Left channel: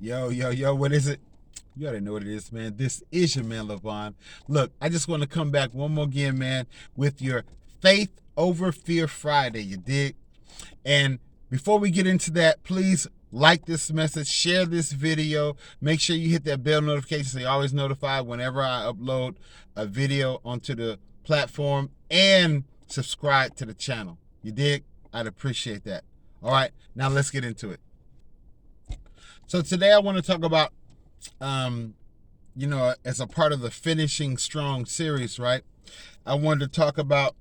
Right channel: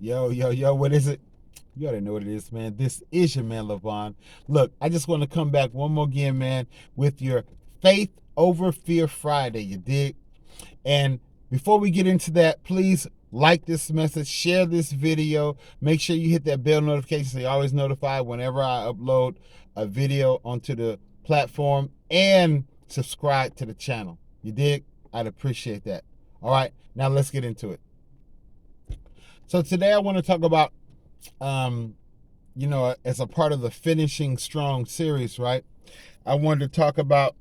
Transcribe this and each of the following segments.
Yo, what is it? You already know what it is, man. This is your man, LaVon. Look, I just want to come back one more again, man, with your Faith Over Fear Friday, you dig? And before we get into that, please like this message, share this video. Make sure you hit that bell notification so you're always notified whenever I upload a video onto the platform, and subscribe to the channel. You dig? I'd appreciate that. All right, now let's get into it. So today I want to talk about, as a part of the Finishing Strong series, right? I wanted to talk about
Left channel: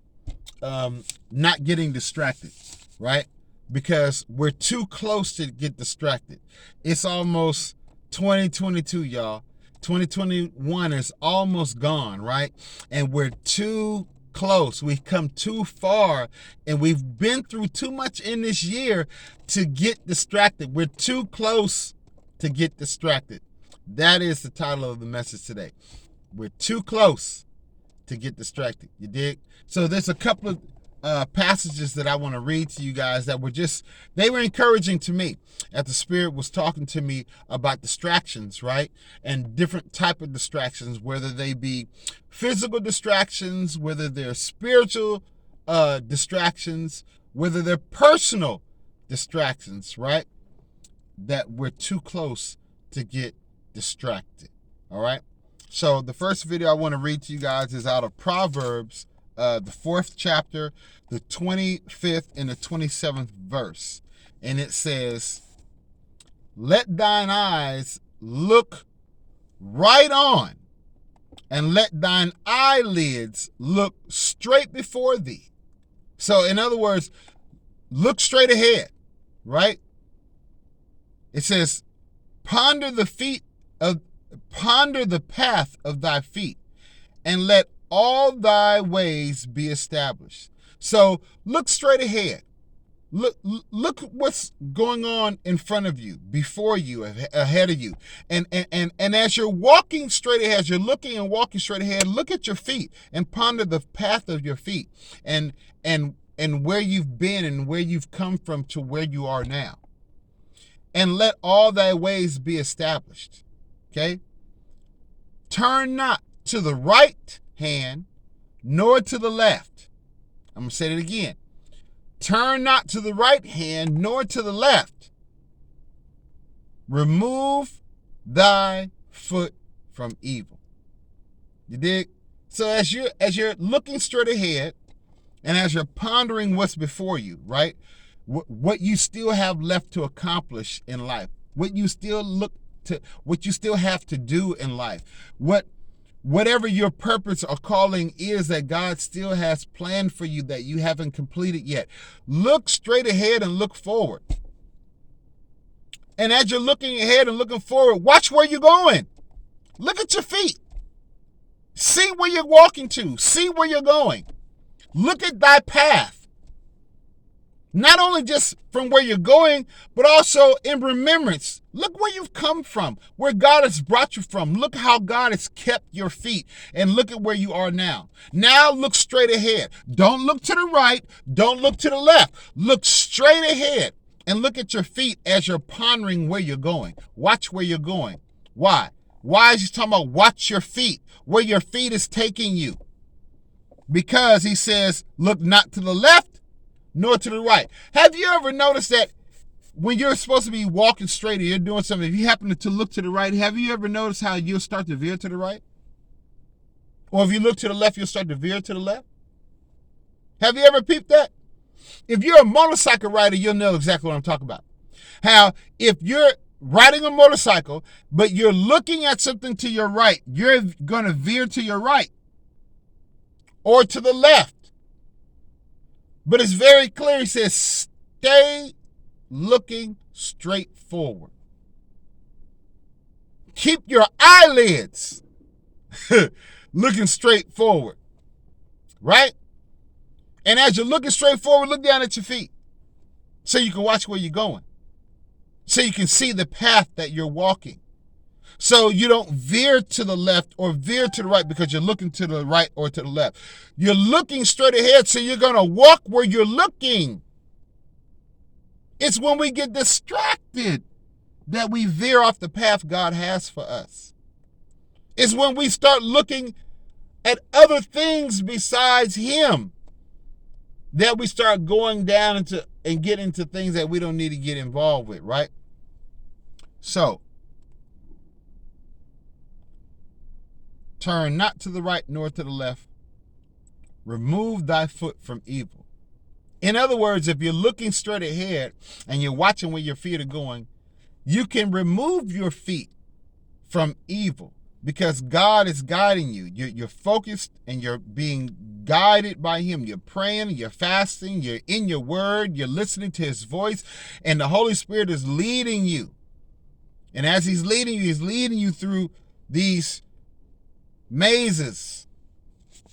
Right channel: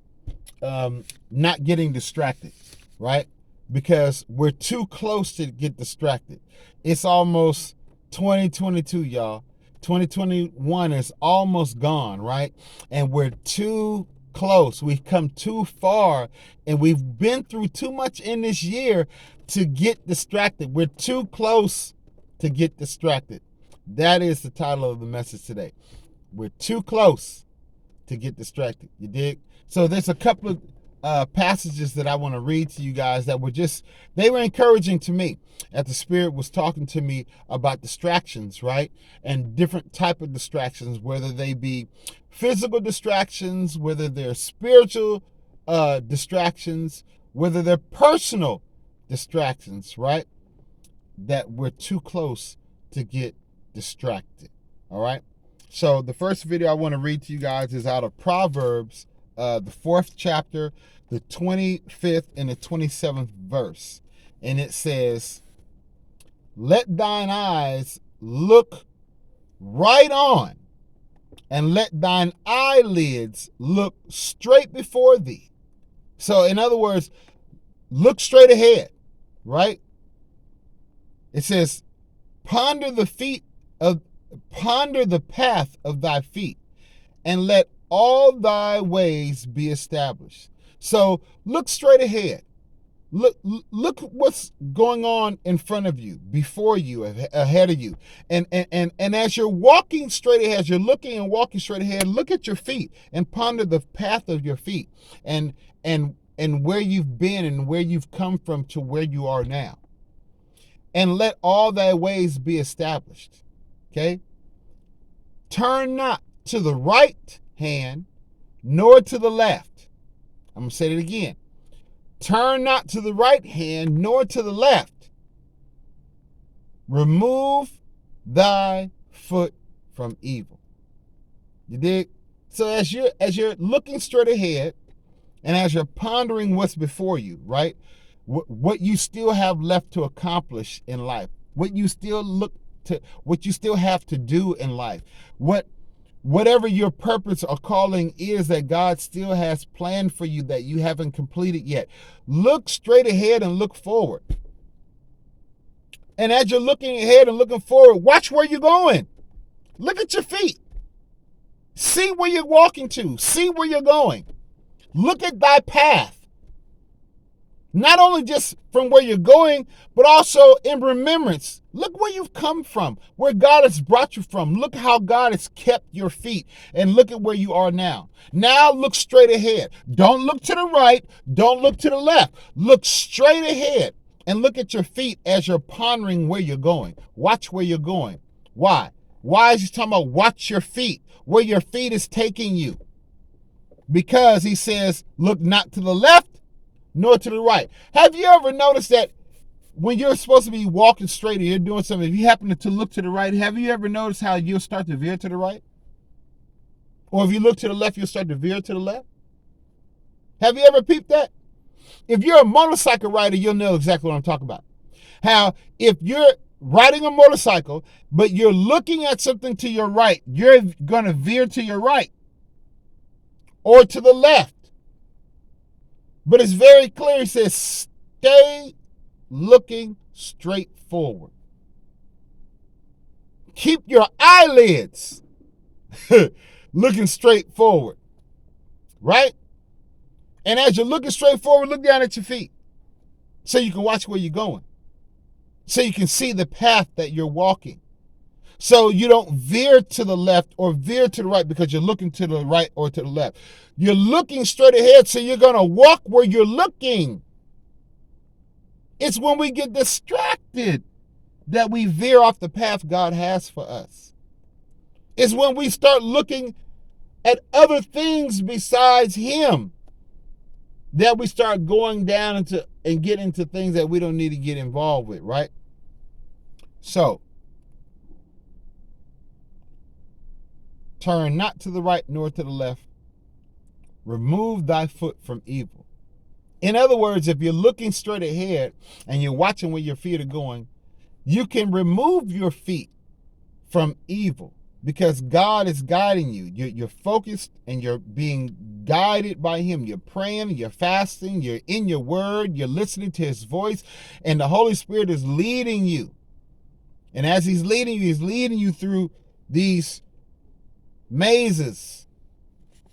not getting distracted, right? Because we're too close to get distracted. It's almost 2022, y'all. 2021 is almost gone, right? And we're too close. We've come too far, and we've been through too much in this year to get distracted. We're too close to get distracted. That is the title of the message today. We're too close to get distracted. You dig? So there's a couple of passages that I want to read to you guys that they were encouraging to me as the Spirit was talking to me about distractions, right? And different type of distractions, whether they be physical distractions, whether they're spiritual distractions, whether they're personal distractions, right? That we're too close to get distracted. All right. So the first video I want to read to you guys is out of Proverbs, the 4th chapter, the 25th and the 27th verse. And it says, "Let thine eyes look right on, and let thine eyelids look straight before thee." So in other words, look straight ahead, right? It says, ponder the path of thy feet, and let all thy ways be established. So look straight ahead. Look what's going on in front of you, before you, ahead of you. And as you're walking straight ahead, as you're looking and walking straight ahead, look at your feet and ponder the path of your feet, and where you've been and where you've come from to where you are now. And let all thy ways be established. Okay? Turn not to the right hand, nor to the left. I'm going to say it again. Turn not to the right hand, nor to the left. Remove thy foot from evil. You dig? So as you're looking straight ahead, and as you're pondering what's before you, right? What you still have left to accomplish in life, what you still have to do in life, whatever your purpose or calling is that God still has planned for you that you haven't completed yet. Look straight ahead and look forward. And as you're looking ahead and looking forward, watch where you're going. Look at your feet. See where you're walking to. See where you're going. Look at thy path. Not only just from where you're going, but also in remembrance. Look where you've come from, where God has brought you from. Look how God has kept your feet, and look at where you are now. Now look straight ahead. Don't look to the right. Don't look to the left. Look straight ahead and look at your feet as you're pondering where you're going. Watch where you're going. Why? Why is he talking about watch your feet, where your feet is taking you? Because he says, look not to the left, nor to the right. Have you ever noticed that when you're supposed to be walking straight and you're doing something, if you happen to look to the right, have you ever noticed how you'll start to veer to the right? Or if you look to the left, you'll start to veer to the left? Have you ever peeped that? If you're a motorcycle rider, you'll know exactly what I'm talking about. How if you're riding a motorcycle, but you're looking at something to your right, you're going to veer to your right or to the left. But it's very clear. He says, stay looking straight forward. Keep your eyelids looking straight forward. Right? And as you're looking straight forward, look down at your feet so you can watch where you're going. So you can see the path that you're walking. So you don't veer to the left or veer to the right because you're looking to the right or to the left. You're looking straight ahead, so you're going to walk where you're looking. It's when we get distracted that we veer off the path God has for us. It's when we start looking at other things besides Him that we start going down into and get into things that we don't need to get involved with, right? So, turn not to the right nor to the left. Remove thy foot from evil. In other words, if you're looking straight ahead and you're watching where your feet are going, you can remove your feet from evil because God is guiding you. You're focused and you're being guided by Him. You're praying, you're fasting, you're in your word, you're listening to His voice, and the Holy Spirit is leading you. And as He's leading you through these mazes,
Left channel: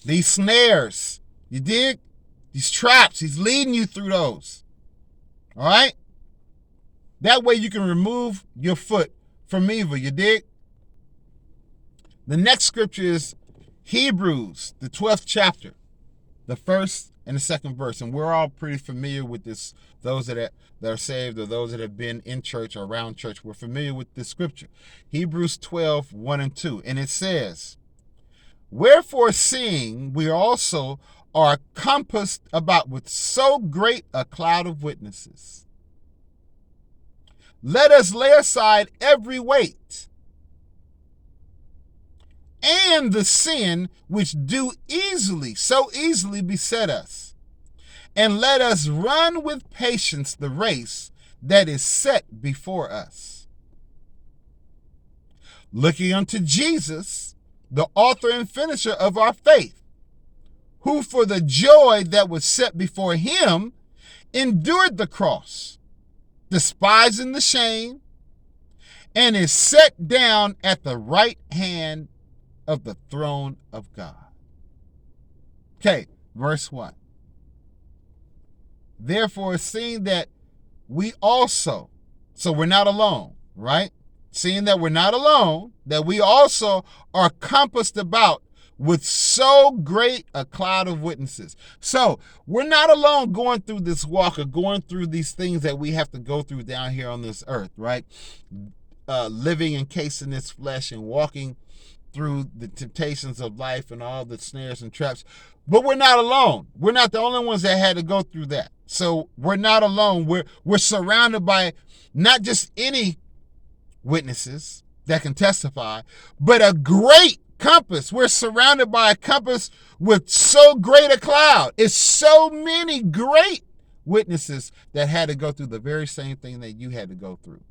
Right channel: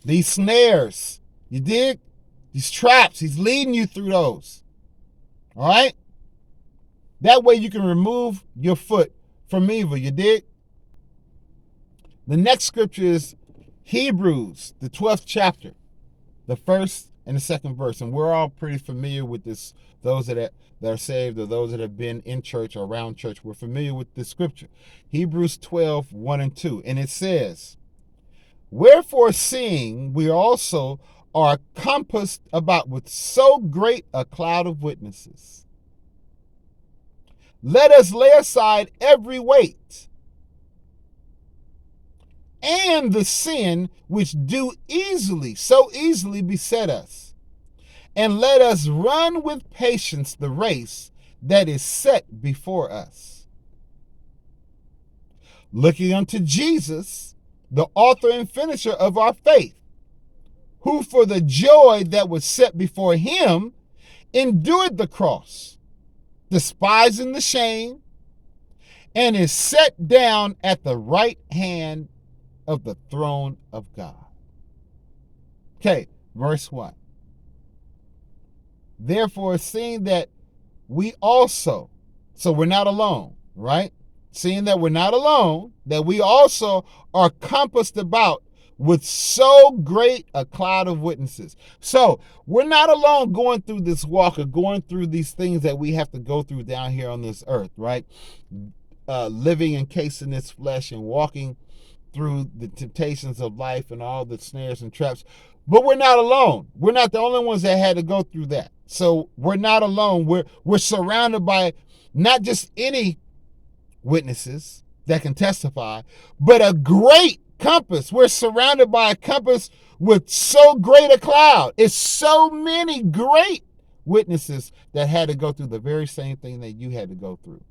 these snares, you dig? These traps, He's leading you through those. All right? That way you can remove your foot from evil, you dig? The next scripture is Hebrews, the 12th chapter, the first and the second verse. And we're all pretty familiar with this. Those that are saved or those that have been in church or around church, we're familiar with this scripture. Hebrews 12, 1 and 2. And it says, wherefore seeing we also are compassed about with so great a cloud of witnesses, let us lay aside every weight and the sin which do so easily beset us, and let us run with patience the race that is set before us, looking unto Jesus, the author and finisher of our faith, who for the joy that was set before Him endured the cross, despising the shame, and is set down at the right hand of the throne of God. Okay, verse 1. Therefore, seeing that we also, so we're not alone, right? Seeing that we're not alone, that we also are compassed about with so great a cloud of witnesses. So we're not alone going through this walk or going through these things that we have to go through down here on this earth, right? Living encased in this flesh and walking through the temptations of life and all the snares and traps. But we're not alone. We're not the only ones that had to go through that. So we're not alone. We're surrounded by not just any witnesses that can testify, but a great compass. We're surrounded by a compass with so great a cloud. It's so many great witnesses that had to go through the very same thing that you had to go through.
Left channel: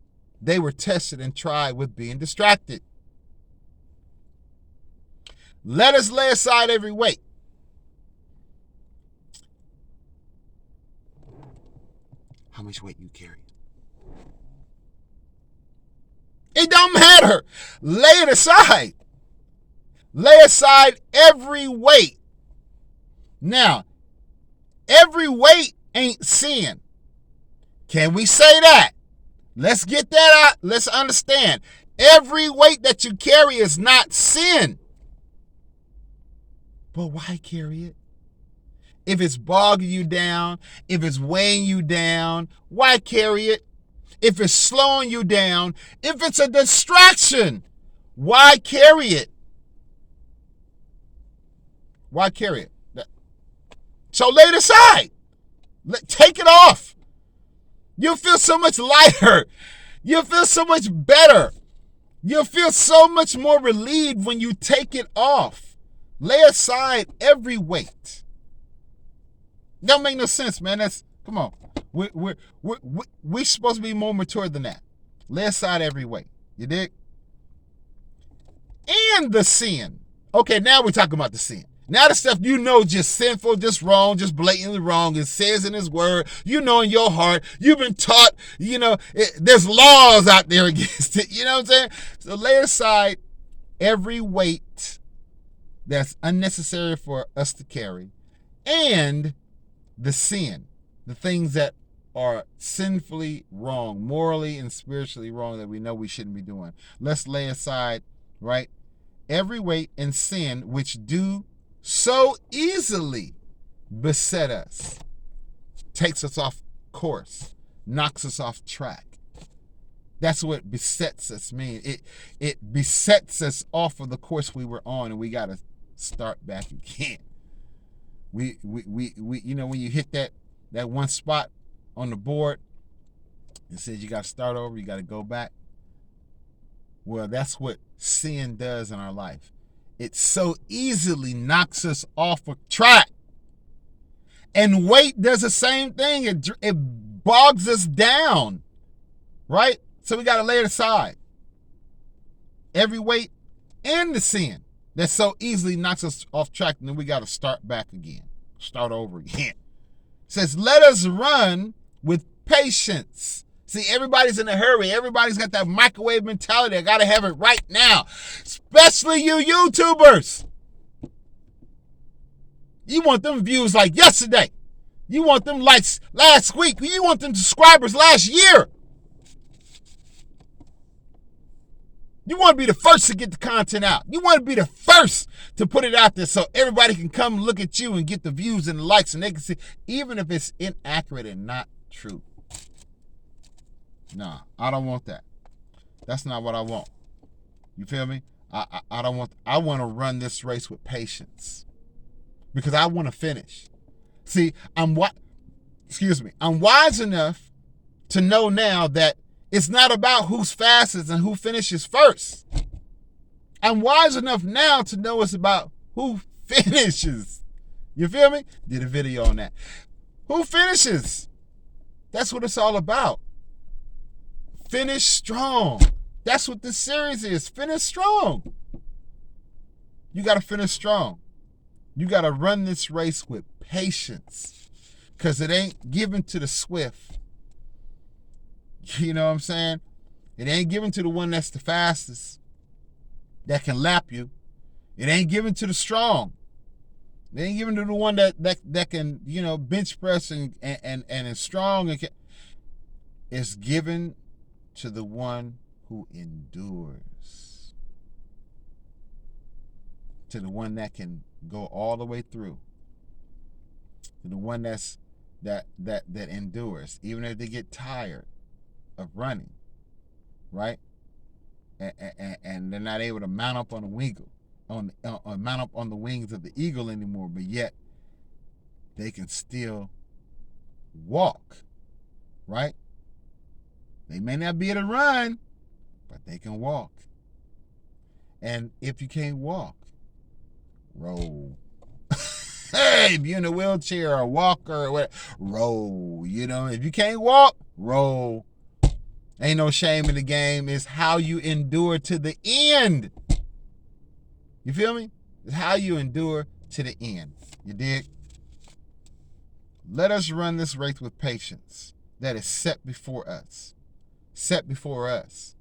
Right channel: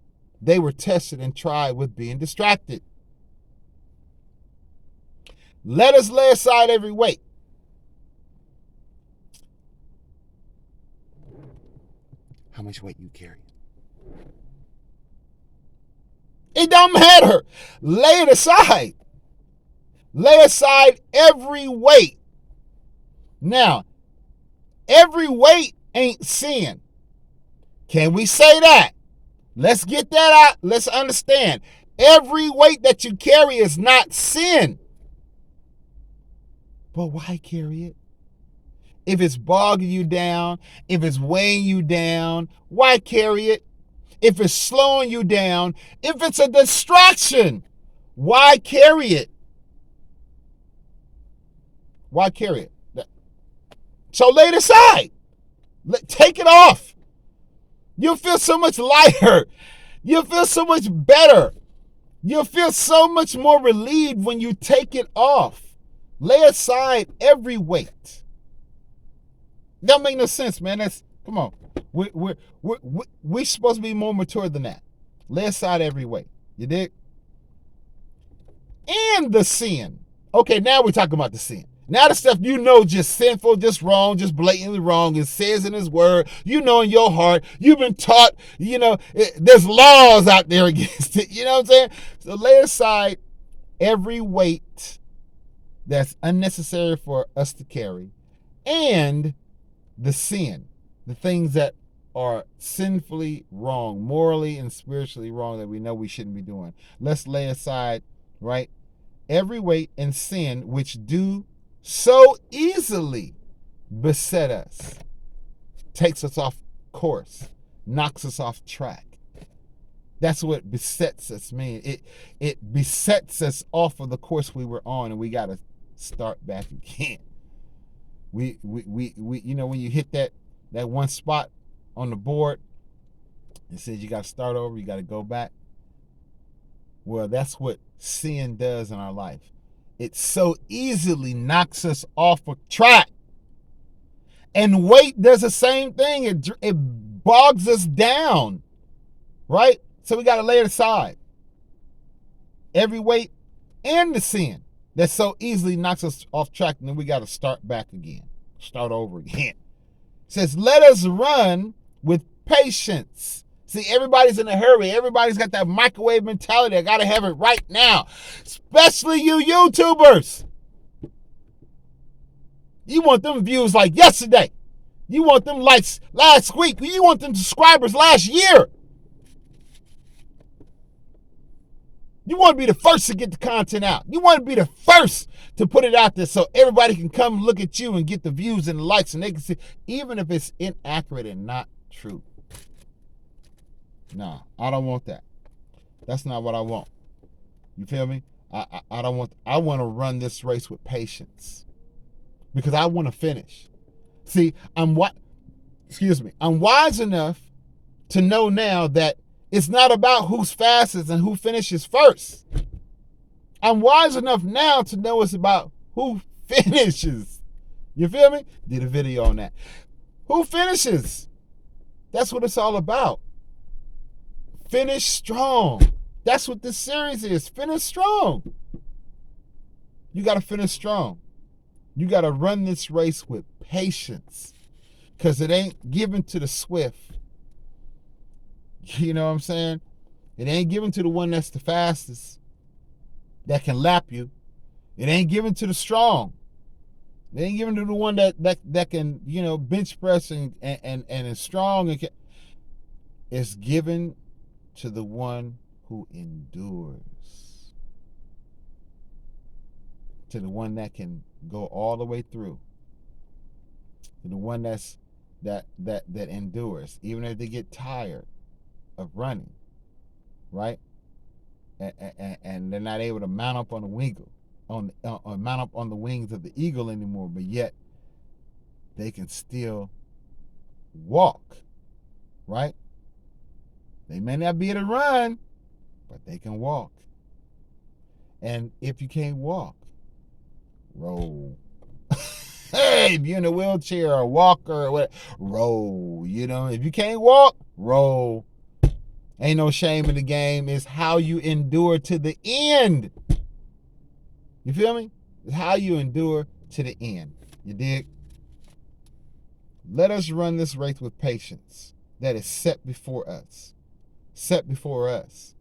They were tested and tried with being distracted. Let us lay aside every weight. How much weight you carry? It don't matter. Lay it aside. Lay aside every weight. Now, every weight ain't sin. Can we say that? Let's get that out. Let's understand. Every weight that you carry is not sin. But why carry it? If it's bogging you down, if it's weighing you down, why carry it? If it's slowing you down, if it's a distraction, why carry it? Why carry it? So lay it aside. Take it off. You'll feel so much lighter. You'll feel so much better. You'll feel so much more relieved when you take it off. Lay aside every weight. That make no sense, man. Come on. We're supposed to be more mature than that. Lay aside every weight. You dig? And the sin. Okay, now we're talking about the sin. Now the stuff you know just sinful, just wrong, just blatantly wrong. It says in His word, you know in your heart, you've been taught, there's laws out there against it. You know what I'm saying? So lay aside every weight that's unnecessary for us to carry, and the sin, the things that are sinfully wrong, morally and spiritually wrong that we know we shouldn't be doing. Let's lay aside, right, every weight and sin which do so easily beset us, takes us off course, knocks us off track. That's what besets us mean. It besets us off of the course we were on, and we got to start back again. We you know, when you hit that one spot on the board, it says you got to start over, you got to go back. Well, that's what sin does in our life. It so easily knocks us off of track. And weight does the same thing. It bogs us down, right? So we got to lay it aside. Every weight and the sin that so easily knocks us off track, and then we got to start back again. Start over again. It says, let us run with patience. See, everybody's in a hurry. Everybody's got that microwave mentality. I got to have it right now. Especially you YouTubers. You want them views like yesterday. You want them likes last week. You want them subscribers last year. You want to be the first to get the content out. You want to be the first to put it out there so everybody can come look at you and get the views and the likes, and they can see, even if it's inaccurate and not true. Nah, I don't want that. That's not what I want. You feel me? I don't want. I want to run this race with patience because I want to finish. See, I'm wise enough to know now that it's not about who's fastest and who finishes first. I'm wise enough now to know it's about who finishes. You feel me? Did a video on that. Who finishes? That's what it's all about. Finish strong. That's what this series is. Finish strong. You got to finish strong. You got to run this race with patience because it ain't given to the swift. You know what I'm saying? It ain't given to the one that's the fastest, that can lap you. It ain't given to the strong. It ain't given to the one that can, you know, bench press and is strong. It's given to the one who endures. To the one that can go all the way through. To the one that endures, even if they get tired of running, right? And they're not able to mount up on the mount up on the wings of the eagle anymore, but yet they can still walk, right? They may not be able to run, but they can walk. And if you can't walk, roll. Hey, if you're in a wheelchair or a walker or whatever, roll. You know, if you can't walk, roll. Ain't no shame in the game. It's how you endure to the end. You feel me? It's how you endure to the end. You dig? Let us run this race with patience that is set before us. Set before us.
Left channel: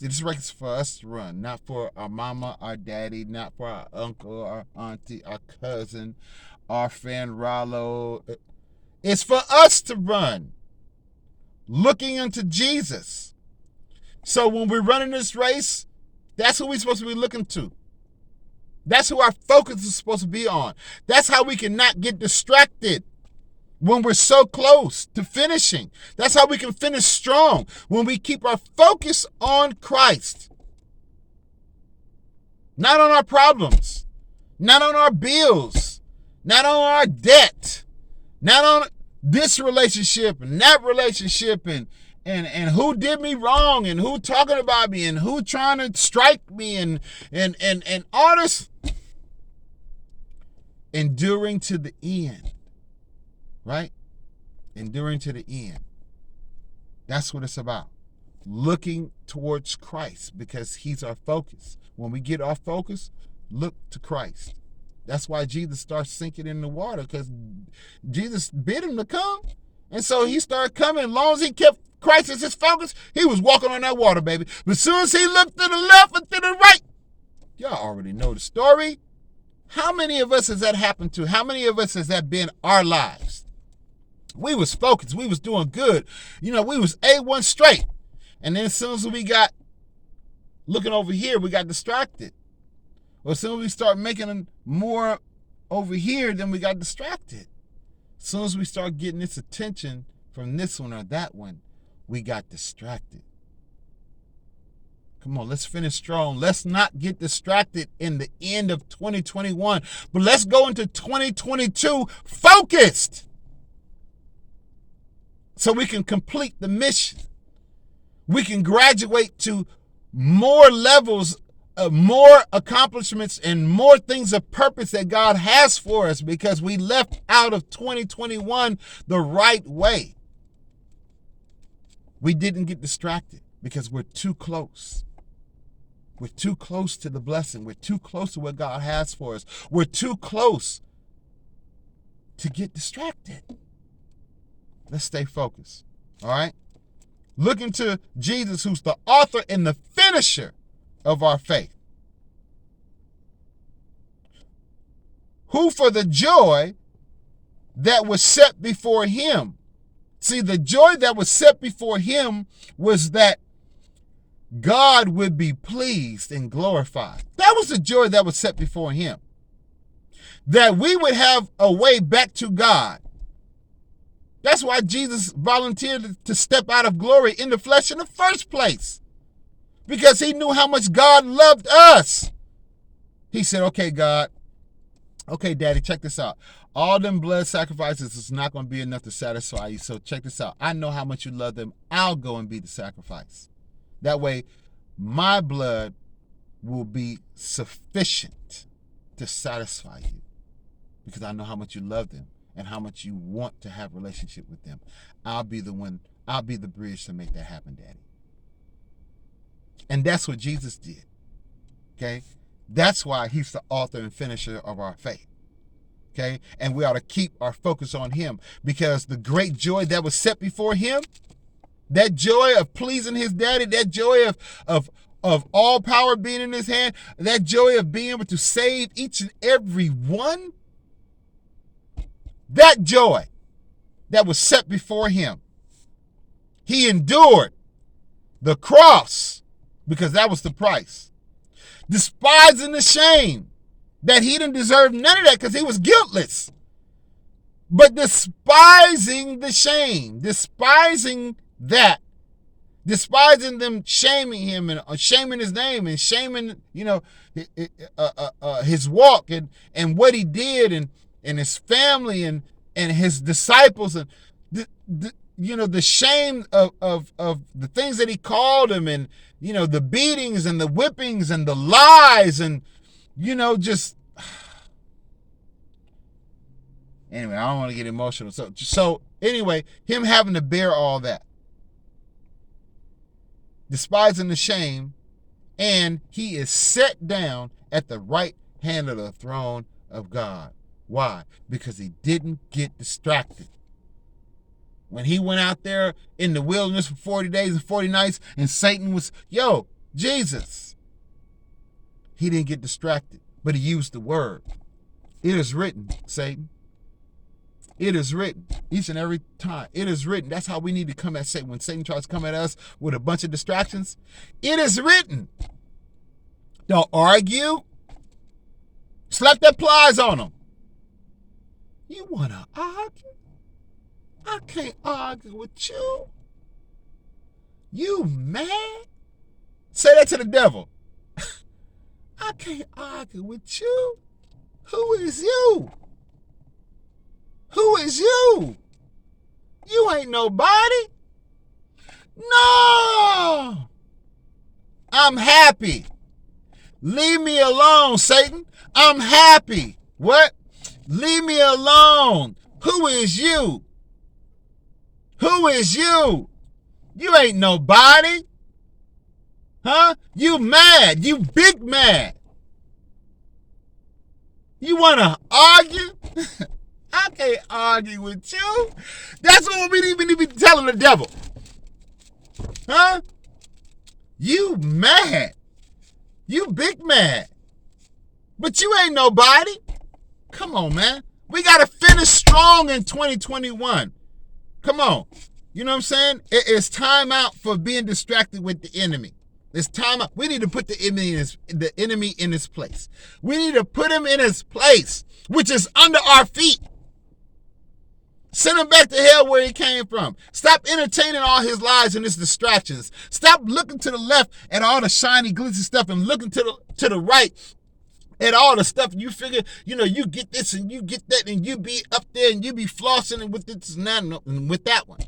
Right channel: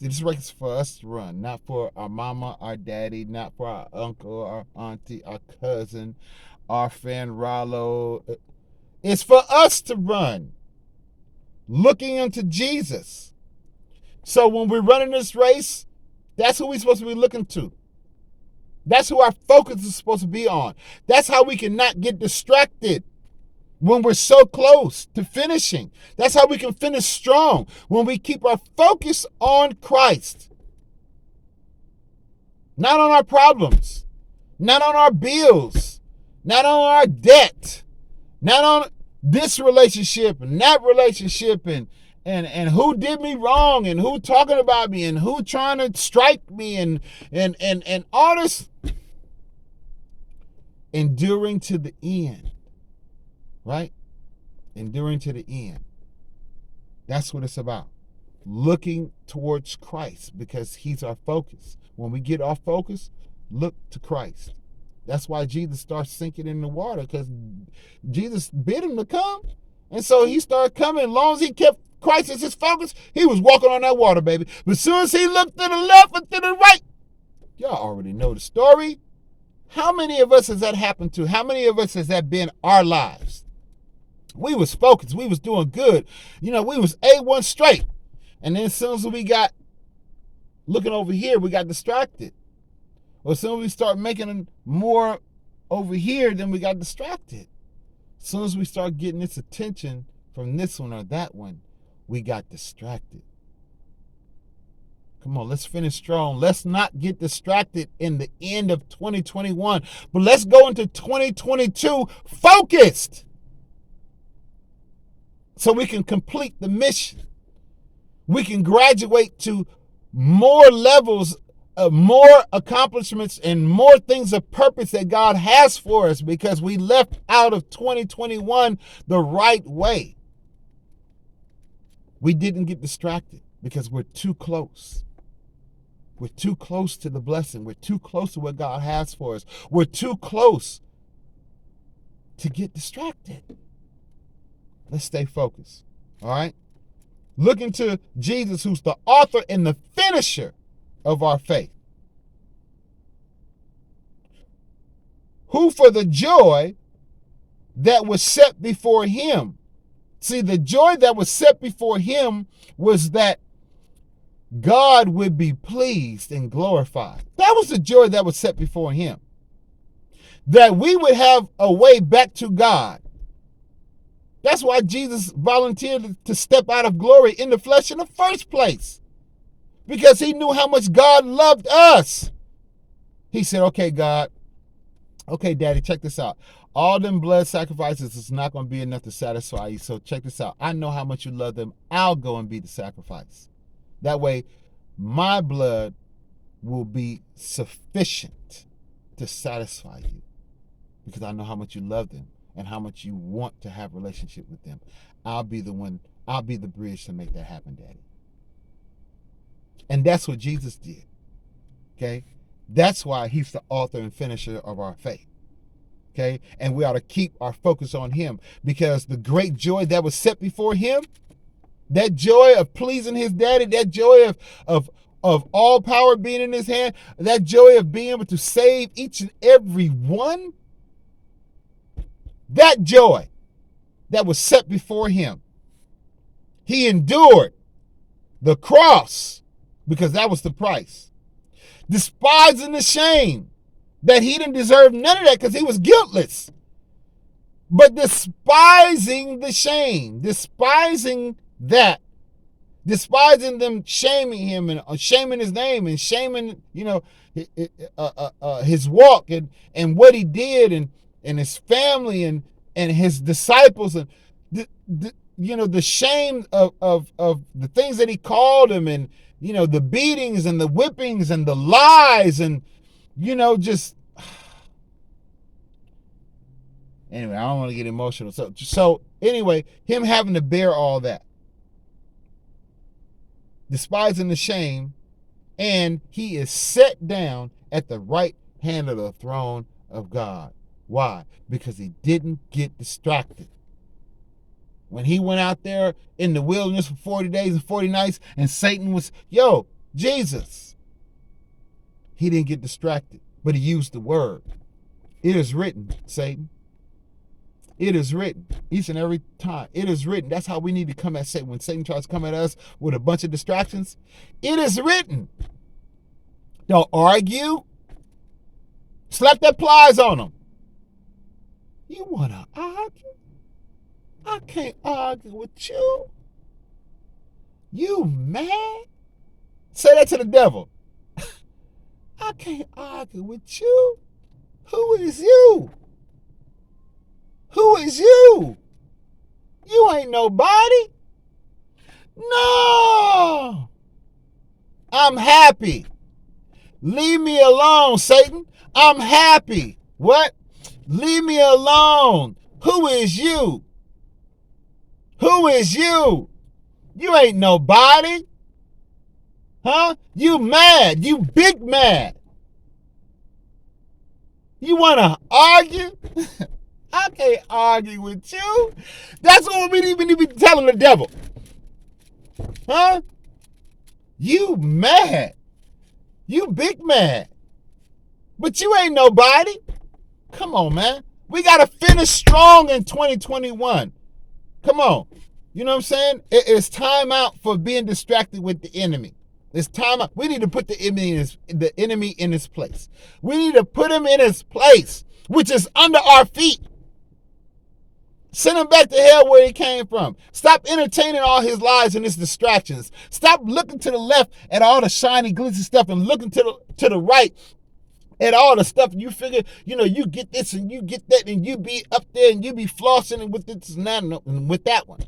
See, this race is for us to run, not for our mama, our daddy, not for our uncle, our auntie, our cousin, our friend Rollo. It's for us to run, looking unto Jesus. So when we're running this race, that's who we're supposed to be looking to. That's who our focus is supposed to be on. That's how we can not get distracted when we're so close to finishing. That's how we can finish strong, when we keep our focus on Christ. Not on our problems, not on our bills, not on our debt, not on this relationship and that relationship and who did me wrong and who talking about me and who trying to strike me and all this. Enduring to the end, right? Enduring to the end. That's what it's about. Looking towards Christ because he's our focus. When we get off focus, look to Christ. That's why Jesus starts sinking in the water, because Jesus bid him to come. And so he started coming. As long as he kept Christ as his focus, he was walking on that water, baby. But as soon as he looked to the left and to the right, y'all already know the story. How many of us has that happened to? How many of us has that been our lives? We was focused. We was doing good. You know, we was A1 straight. And then as soon as we got looking over here, we got distracted. Or as soon as we start making more over here, then we got distracted. As soon as we start getting this attention from this one or that one, we got distracted. Come on, let's finish strong. Let's not get distracted in the end of 2021, but let's go into 2022 focused so we can complete the mission. We can graduate to more levels of more accomplishments and more things of purpose that God has for us because we left out of 2021 the right way. We didn't get distracted because we're too close. We're too close to the blessing. We're too close to what God has for us. We're too close to get distracted. Let's stay focused. All right? Looking to Jesus, who's the author and the finisher of our faith. Who for the joy that was set before him. See, the joy that was set before him was that God would be pleased and glorified. That was the joy that was set before him. That we would have a way back to God. That's why Jesus volunteered to step out of glory in the flesh in the first place. Because he knew how much God loved us. He said, okay, God, okay, Daddy, check this out. All them blood sacrifices is not going to be enough to satisfy you. So check this out. I know how much you love them. I'll go and be the sacrifice. That way, my blood will be sufficient to satisfy you because I know how much you love them and how much you want to have a relationship with them. I'll be the bridge to make that happen, Daddy. And that's what Jesus did, okay? That's why he's the author and finisher of our faith, okay? And we ought to keep our focus on him because the great joy that was set before him, that joy of pleasing his daddy, that joy of all power being in his hand, that joy of being able to save each and every one, that joy that was set before him. He endured the cross because that was the price. Despising the shame that he didn't deserve none of that because he was guiltless. But despising the shame, despising that, despising them shaming him and shaming his name and shaming, his walk and what he did and his family and his disciples and the shame of the things that he called him and the beatings and the whippings and the lies and just anyway, I don't want to get emotional. So anyway, him having to bear all that, despising the shame, and he is set down at the right hand of the throne of God. Why? Because he didn't get distracted. When he went out there in the wilderness for 40 days and 40 nights, and Satan was, Jesus. He didn't get distracted, but he used the word. It is written, Satan. It is written each and every time. It is written. That's how we need to come at Satan. When Satan tries to come at us with a bunch of distractions, it is written. Don't argue. Slap that plies on them. You want to argue? I can't argue with you. You mad? Say that to the devil. I can't argue with you. Who is you? Who is you? You ain't nobody. No. I'm happy. Leave me alone, Satan. I'm happy. What? Leave me alone. Who is you? Who is you? You ain't nobody. Huh? You mad. You big mad. You want to argue? I can't argue with you. That's what we need to be telling the devil. Huh? You mad. You big mad. But you ain't nobody. Come on, man. We got to finish strong in 2021. Come on. You know what I'm saying? It's time out for being distracted with the enemy. It's time out. We need to put the enemy in his place. We need to put him in his place, which is under our feet. Send him back to hell where he came from. Stop entertaining all his lies and his distractions. Stop looking to the left at all the shiny, glitzy stuff and looking to the right at all the stuff you figure, you get this and you get that and you be up there and you be flossing with this and with that one.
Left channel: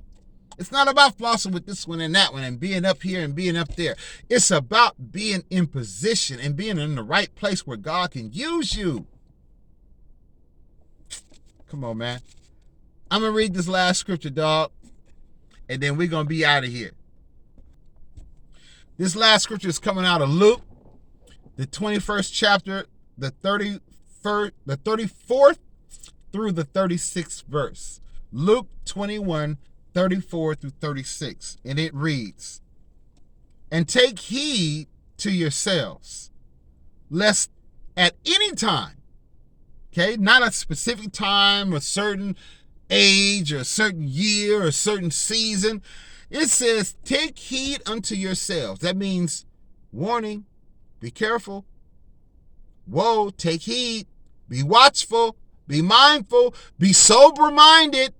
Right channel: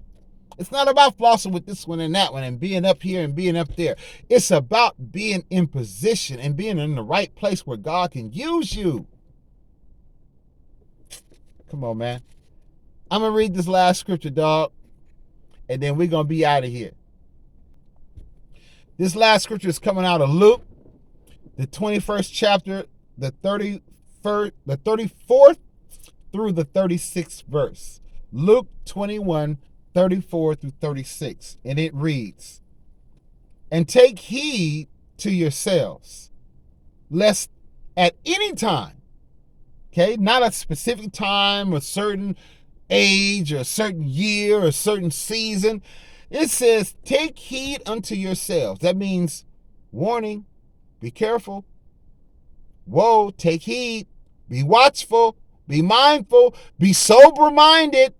It's not about flossing with this one and that one and being up here and being up there. It's about being in position and being in the right place where God can use you. Come on, man. I'm going to read this last scripture, dog, and then we're going to be out of here. This last scripture is coming out of Luke, the 21st chapter, the 34th through the 36th verse. Luke 21, 34 through 36. And it reads, "And take heed to yourselves, lest at any time," okay, not a specific time or certain age or a certain year or a certain season. It says, take heed unto yourselves. That means warning, be careful. Whoa, take heed, be watchful, be mindful, be sober-minded.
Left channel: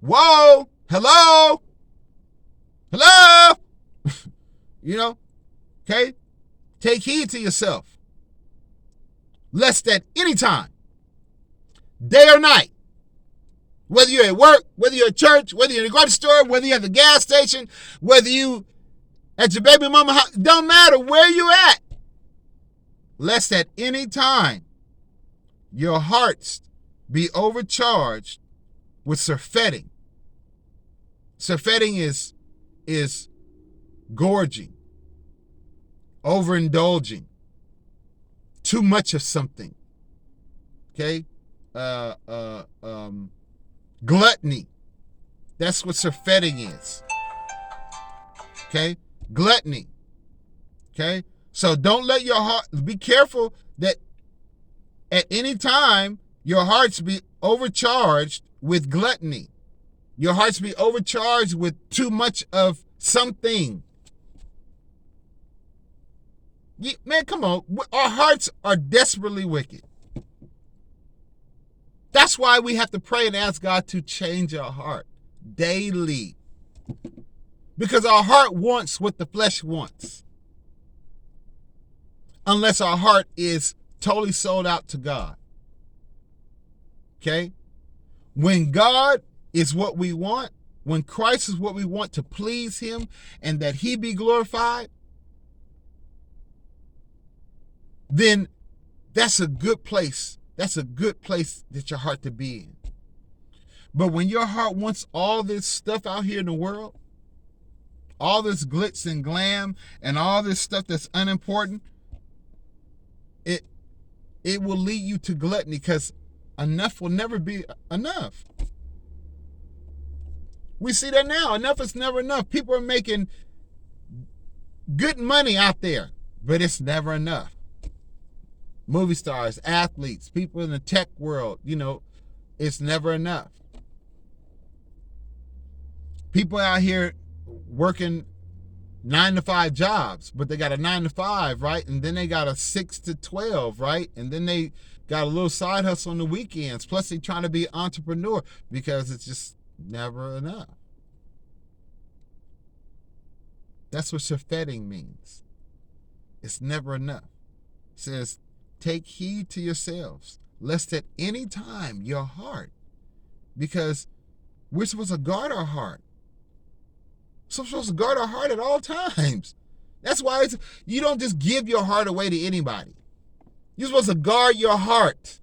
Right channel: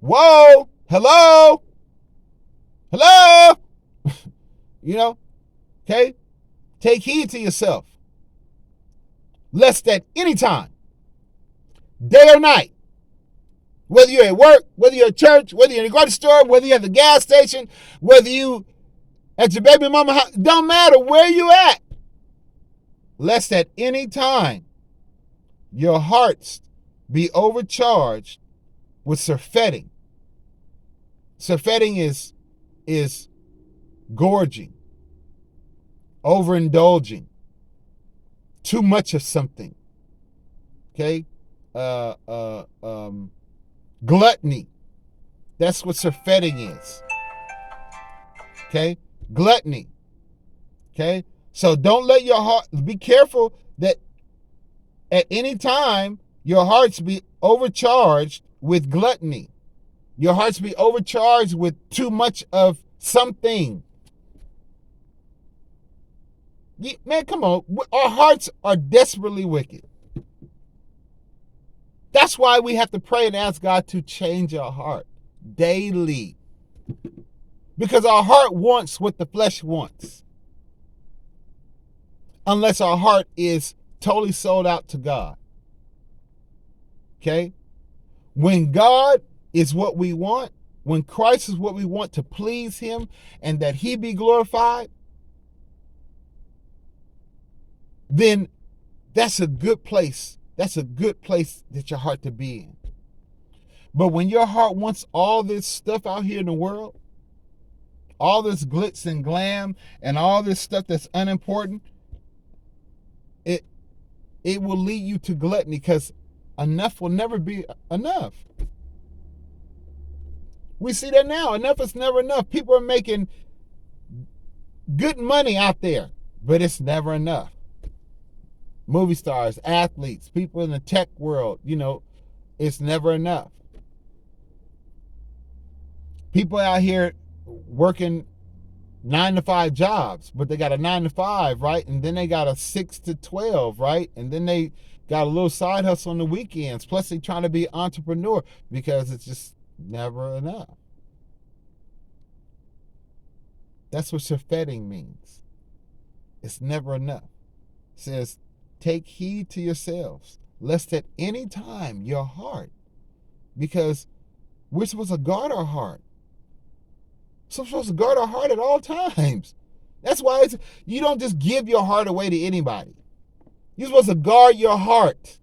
Whoa, hello, okay? Take heed to yourself, lest at any time, day or night, whether you're at work, whether you're at church, whether you're in the grocery store, whether you're at the gas station, whether you at your baby mama house, don't matter where you at, lest at any time your hearts be overcharged with surfeiting. Surfeiting is gorging, overindulging, too much of something. Okay? Gluttony. That's what surfeiting is. Okay? Gluttony. Okay? So don't let your heart, be careful that at any time your hearts be overcharged with gluttony. Your hearts be overcharged with too much of something. Man, come on. Our hearts are desperately wicked. That's why we have to pray and ask God to change our heart daily. Because our heart wants what the flesh wants. Unless our heart is totally sold out to God. Okay? When God is what we want, when Christ is what we want to please him and that he be glorified, then that's a good place. That's a good place that your heart to be in. But when your heart wants all this stuff out here in the world, all this glitz and glam and all this stuff that's unimportant, it will lead you to gluttony because enough will never be enough. We see that now. Enough is never enough. People are making good money out there, but it's never enough. Movie stars, athletes, people in the tech world, it's never enough. People out here working 9-to-5 jobs, but they got a 9-to-5, right? And then they got a 6-to-12, right? And then they got a little side hustle on the weekends. Plus they trying to be an entrepreneur because it's just never enough. That's what surfeiting means. It's never enough. It says, take heed to yourselves, lest at any time your heart, because we're supposed to guard our heart. So we're supposed to guard our heart at all times. That's why you don't just give your heart away to anybody. You're supposed to guard your heart.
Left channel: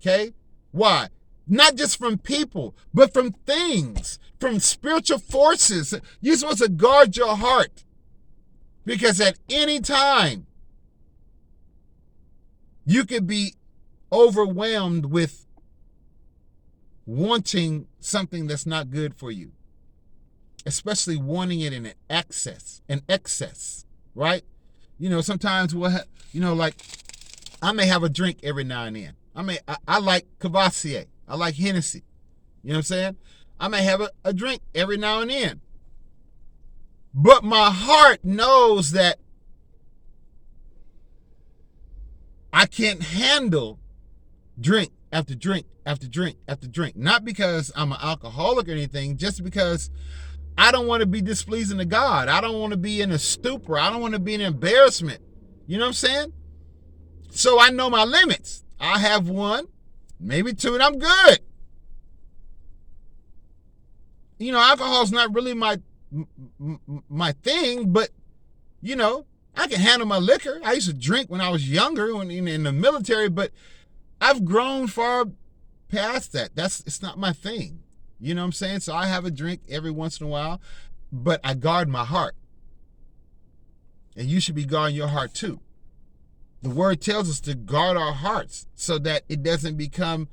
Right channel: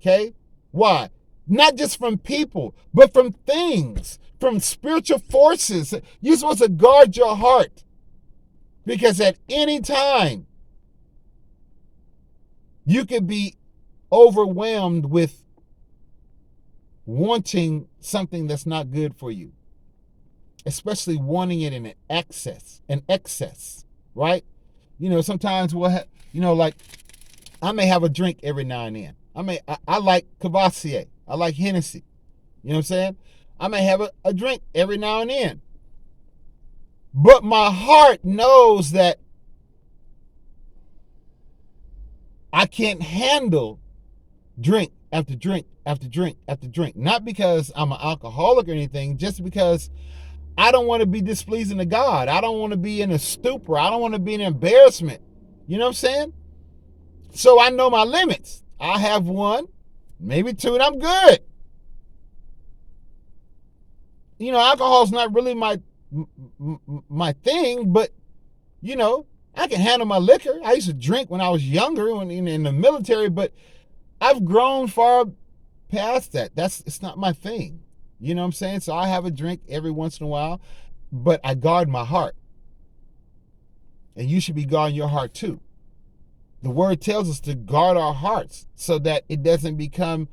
Okay? Why? Not just from people, but from things, from spiritual forces. You're supposed to guard your heart. Because at any time, you could be overwhelmed with wanting something that's not good for you. Especially wanting it in excess, right? Sometimes we'll have, like, I may have a drink every now and then. I like Cavassier. I like Hennessy. You know what I'm saying? I may have a drink every now and then. But my heart knows that I can't handle drink after drink after drink after drink. Not because I'm an alcoholic or anything, just because I don't want to be displeasing to God. I don't want to be in a stupor. I don't want to be in embarrassment. You know what I'm saying? So I know my limits. I have one, maybe two, and I'm good. You know, alcohol's not really my thing, but, you know, I can handle my liquor. I used to drink when I was younger, when in the military, but I've grown far past that. It's not my thing. You know what I'm saying? So I have a drink every once in a while, but I guard my heart. And you should be guarding your heart too. The word tells us to guard our hearts so that it doesn't become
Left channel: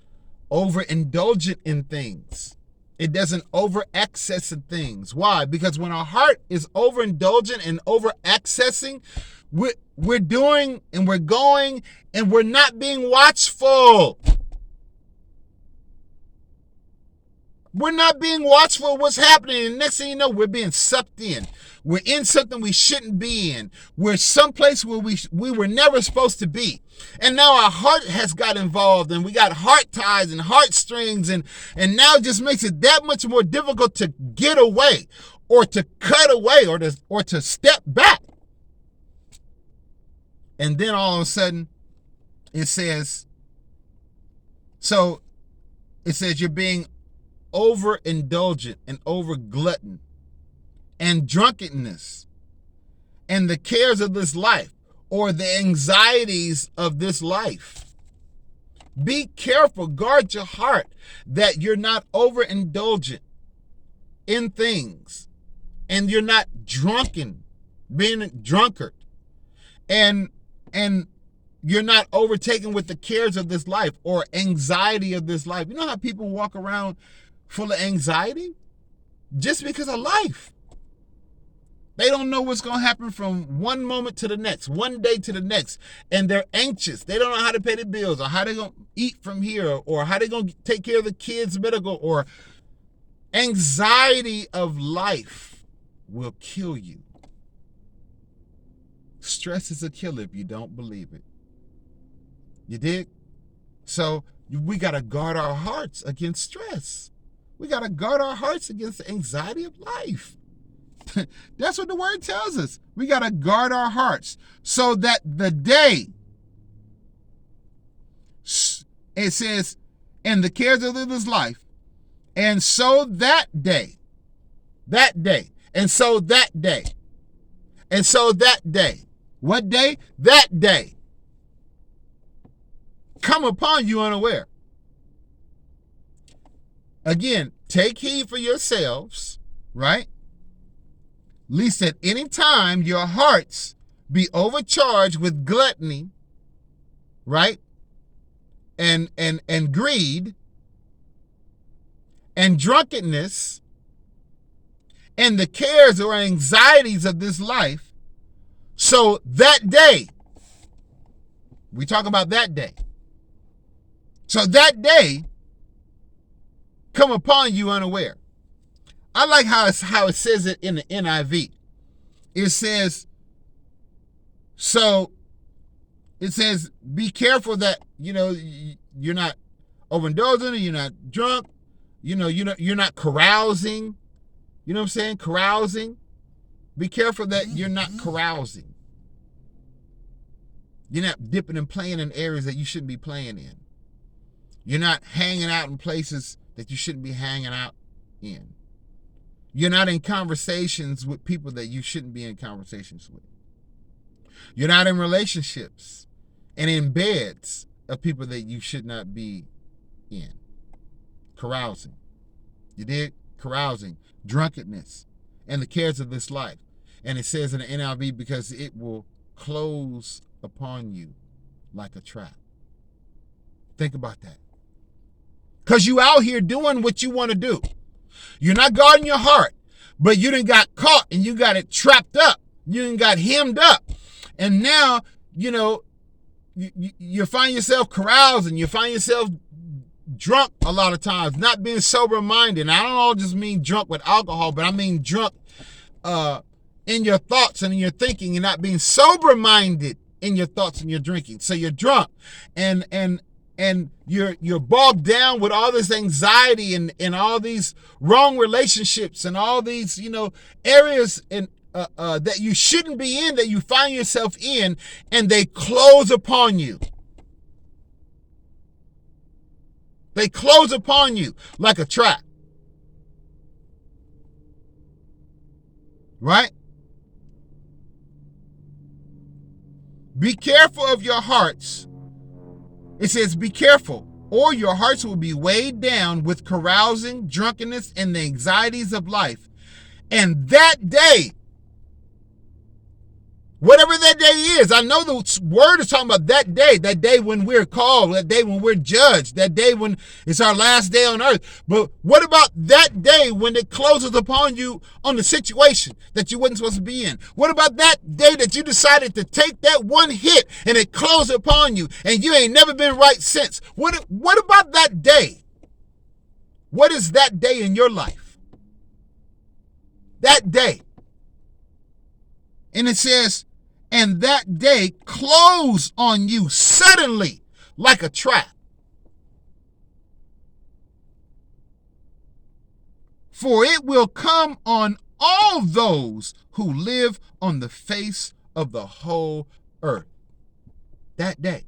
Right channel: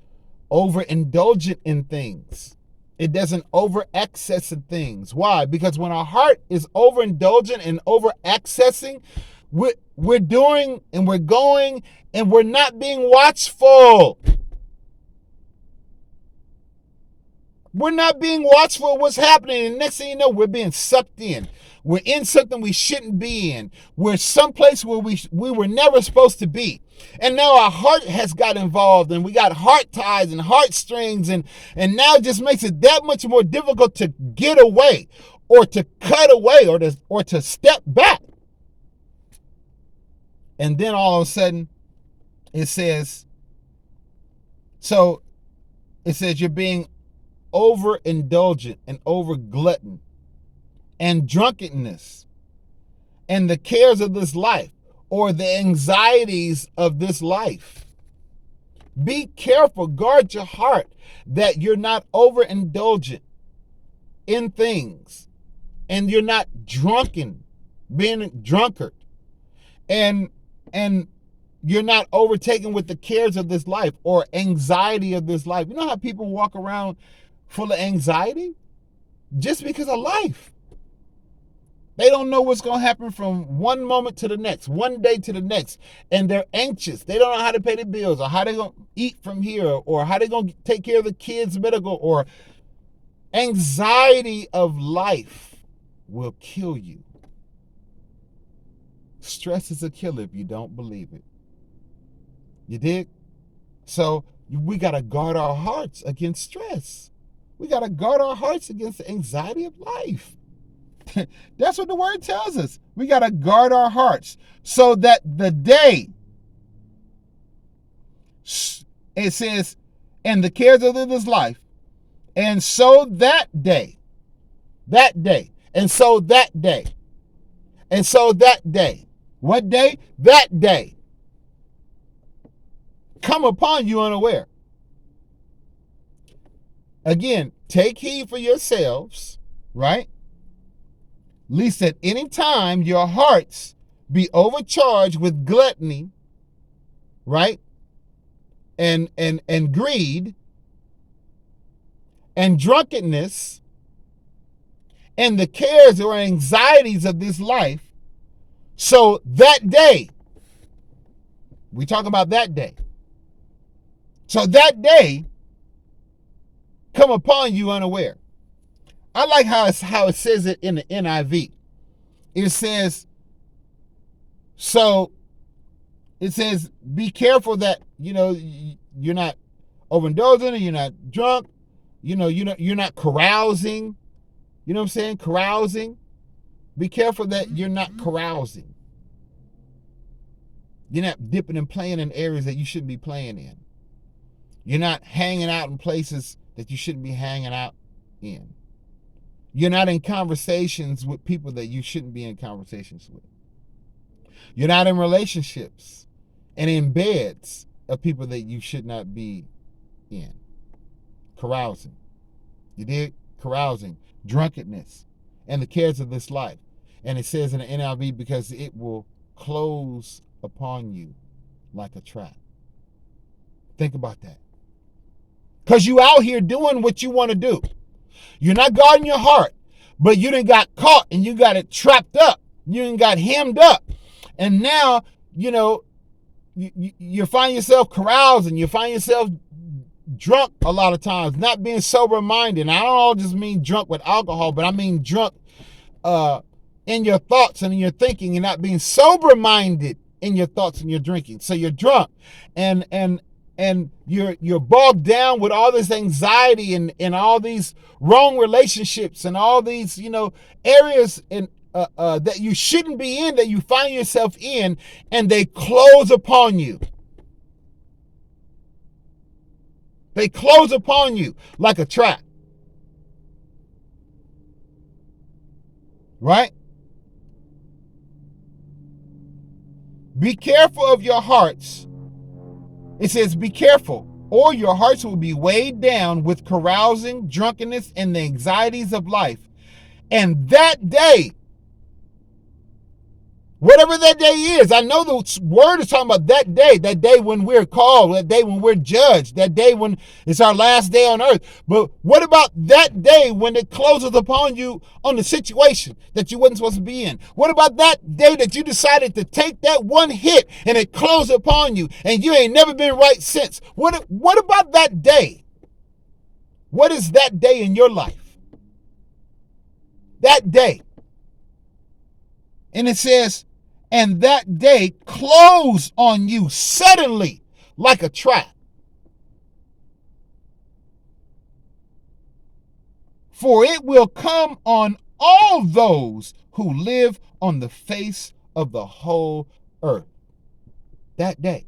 overindulgent in things. It doesn't over-access in things. Why? Because when our heart is overindulgent and over-accessing, we're doing and we're going and we're not being watchful. We're not being watchful of what's happening. And next thing you know, we're being sucked in. We're in something we shouldn't be in. We're someplace where we were never supposed to be. And now our heart has got involved, and we got heart ties and heartstrings, and now it just makes it that much more difficult to get away or to cut away or to step back. And then all of a sudden, it says you're being overindulgent and over glutton and drunkenness and the cares of this life or the anxieties of this life. Be careful, guard your heart that you're not overindulgent in things and you're not drunken, being a drunkard, and you're not overtaken with the cares of this life or anxiety of this life. You know how people walk around full of anxiety? Just because of life. They don't know what's going to happen from one moment to the next, one day to the next, and they're anxious. They don't know how to pay their bills or how they're going to eat from here or how they're going to take care of the kids' medical, or anxiety of life will kill you. Stress is a killer if you don't believe it. You dig? So we got to guard our hearts against stress. We got to guard our hearts against the anxiety of life. That's what the word tells us. We got to guard our hearts so that the day, it says, and the cares of this life, and so that day, and so that day, and so that day. What day? That day. Come upon you unaware. Again, take heed for yourselves, right? Lest at any time your hearts be overcharged with gluttony, right? And greed and drunkenness and the cares or anxieties of this life. So that day, we talk about that day. So that day come upon you unaware. I like how it says it in the NIV. It says, be careful that, you're not overindulging, you're not drunk, you're not carousing. You know what I'm saying? Carousing. Be careful that you're not carousing. You're not dipping and playing in areas that you shouldn't be playing in. You're not hanging out in places that you shouldn't be hanging out in. You're not in conversations with people that you shouldn't be in conversations with. You're not in relationships and in beds of people that you should not be in. Carousing. You did? Carousing. Drunkenness. And the cares of this life. And it says in the NIV, because it will close upon you like a trap. Think about that. Because you out here doing what you want to do. You're not guarding your heart, but you done got caught and you got it trapped up. You done got hemmed up. And now, you find yourself carousing. You find yourself drunk a lot of times, not being sober-minded. And I don't all just mean drunk with alcohol, but I mean drunk in your thoughts and in your thinking, and not being sober-minded in your thoughts and your drinking. So you're drunk and you're bogged down with all this anxiety and all these wrong relationships and all these, areas that you shouldn't be in, that you find yourself in, and they close upon you. They close upon you like a trap. Right? Be careful of your hearts. It says, be careful, or your hearts will be weighed down with carousing, drunkenness, and the anxieties of life. And that day, whatever that day is, I know the word is talking about that day when we're called, that day when we're judged, that day when it's our last day on earth. But what about that day when it closes upon you on the situation that you wasn't supposed to be in? What about that day that you decided to take that one hit and it closed upon you and you ain't never been right since? What about that day? What is that day in your life? That day. And it says, and that day close on you suddenly like a trap. For it will come on all those who live on the face of the whole earth. That day.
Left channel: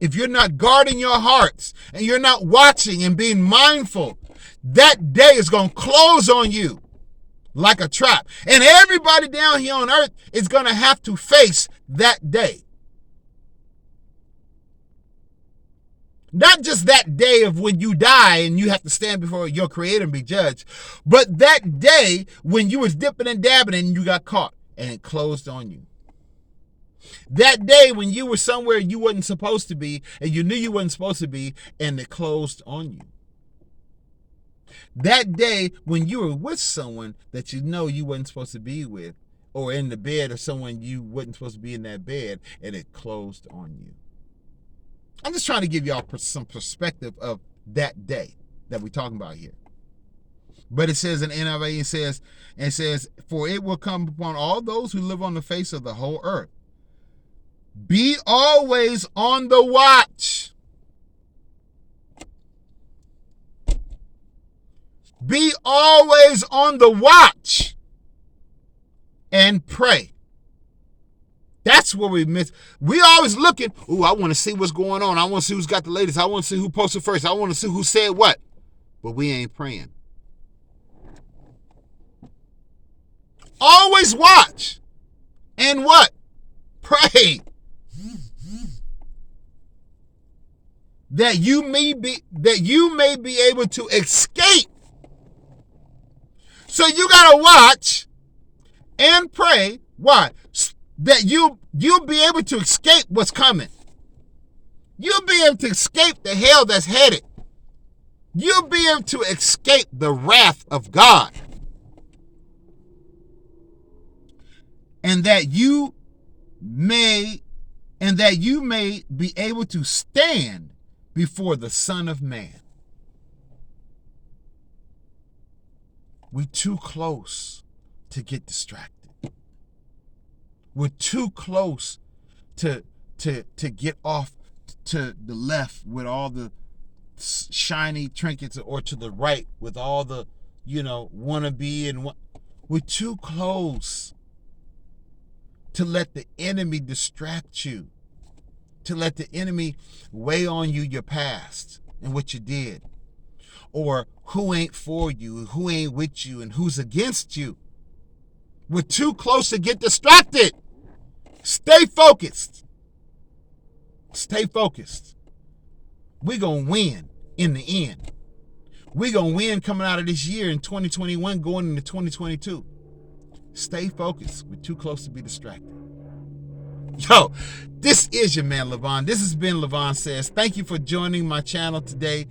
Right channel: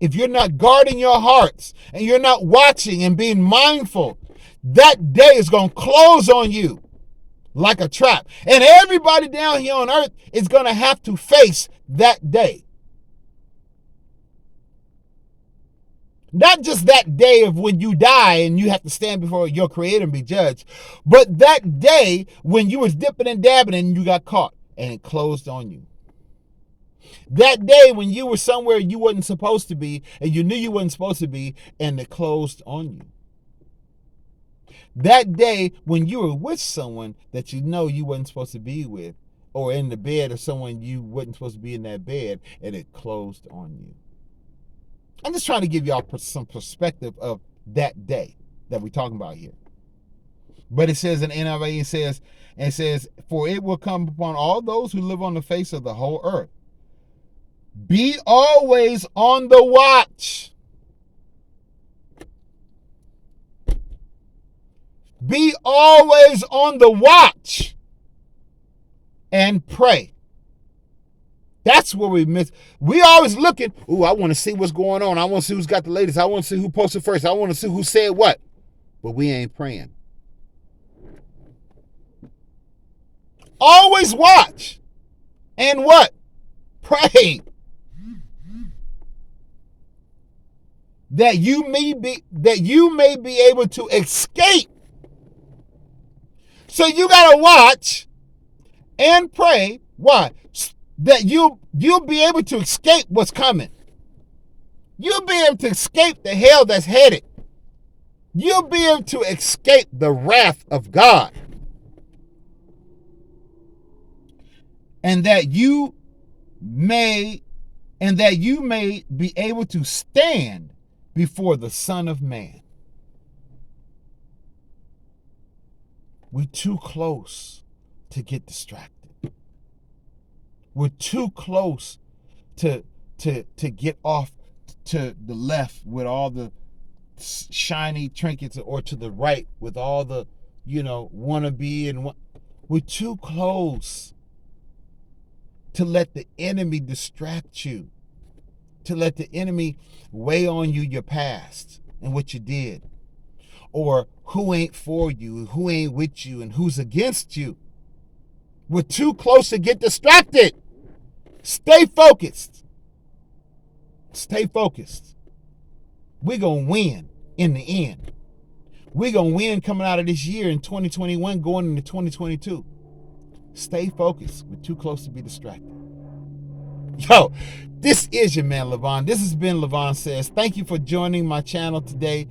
If you're not guarding your hearts and you're not watching and being mindful, that day is going to close on you like a trap. And everybody down here on earth is going to have to face that day. Not just that day of when you die and you have to stand before your creator and be judged, but that day when you was dipping and dabbing and you got caught and it closed on you. That day when you were somewhere you wasn't supposed to be and you knew you wasn't supposed to be and it closed on you. That day when you were with someone that you know you wasn't supposed to be with, or in the bed of someone you wasn't supposed to be in that bed, and it closed on you. I'm just trying to give y'all some perspective of that day that we're talking about here. But it says in NIV, it says, for it will come upon all those who live on the face of the whole earth. Be always on the watch. Be always on the watch and pray. That's where we miss. We always looking, I want to see what's going on. I want to see who's got the latest. I want to see who posted first. I want to see who said what. But we ain't praying. Always watch and what? Pray. That you may be able to escape. So you gotta watch and pray. Why? That you'll be able to escape what's coming. You'll be able to escape the hell that's headed. You'll be able to escape the wrath of God. And that you may be able to stand before the Son of Man. We're too close to get distracted. We're too close to get off to the left with all the shiny trinkets, or to the right with all the, wannabe and what. We're too close to let the enemy distract you, to let the enemy weigh on you your past and what you did, or who ain't for you, who ain't with you, and who's against you. We're too close to get distracted. Stay focused. Stay focused. We're going to win in the end. We're going to win coming out of this year in 2021, going into 2022. Stay focused. We're too close to be distracted. Yo, this is your man, Levon. This has been Levon Says. Thank you for joining my channel today.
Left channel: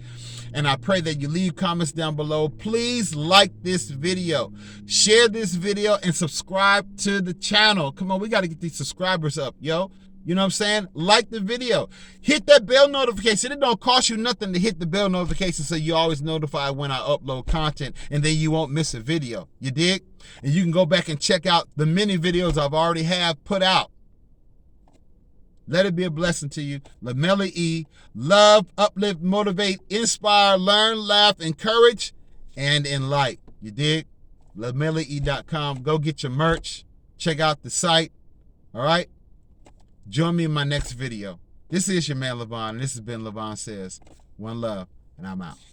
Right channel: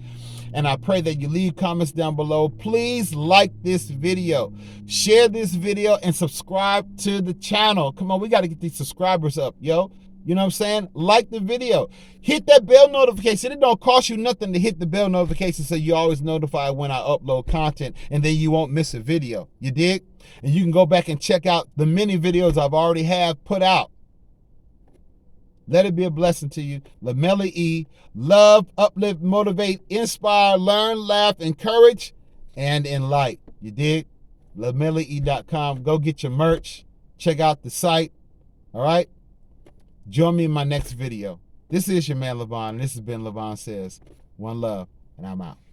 And I pray that you leave comments down below. Please like this video, share this video, and subscribe to the channel. Come on, we got to get these subscribers up, yo. You know what I'm saying? Like the video. Hit that bell notification. It don't cost you nothing to hit the bell notification so you're always notified when I upload content, and then you won't miss a video. You dig? And you can go back and check out the many videos I've already have put out. Let it be a blessing to you. LaMelo E. Love, uplift, motivate, inspire, learn, laugh, encourage, and enlighten. You dig? LaMeloE.com. Go get your merch. Check out the site. All right? Join me in my next video. This is your man, Levon. This has been Levon Says. One love, and I'm out.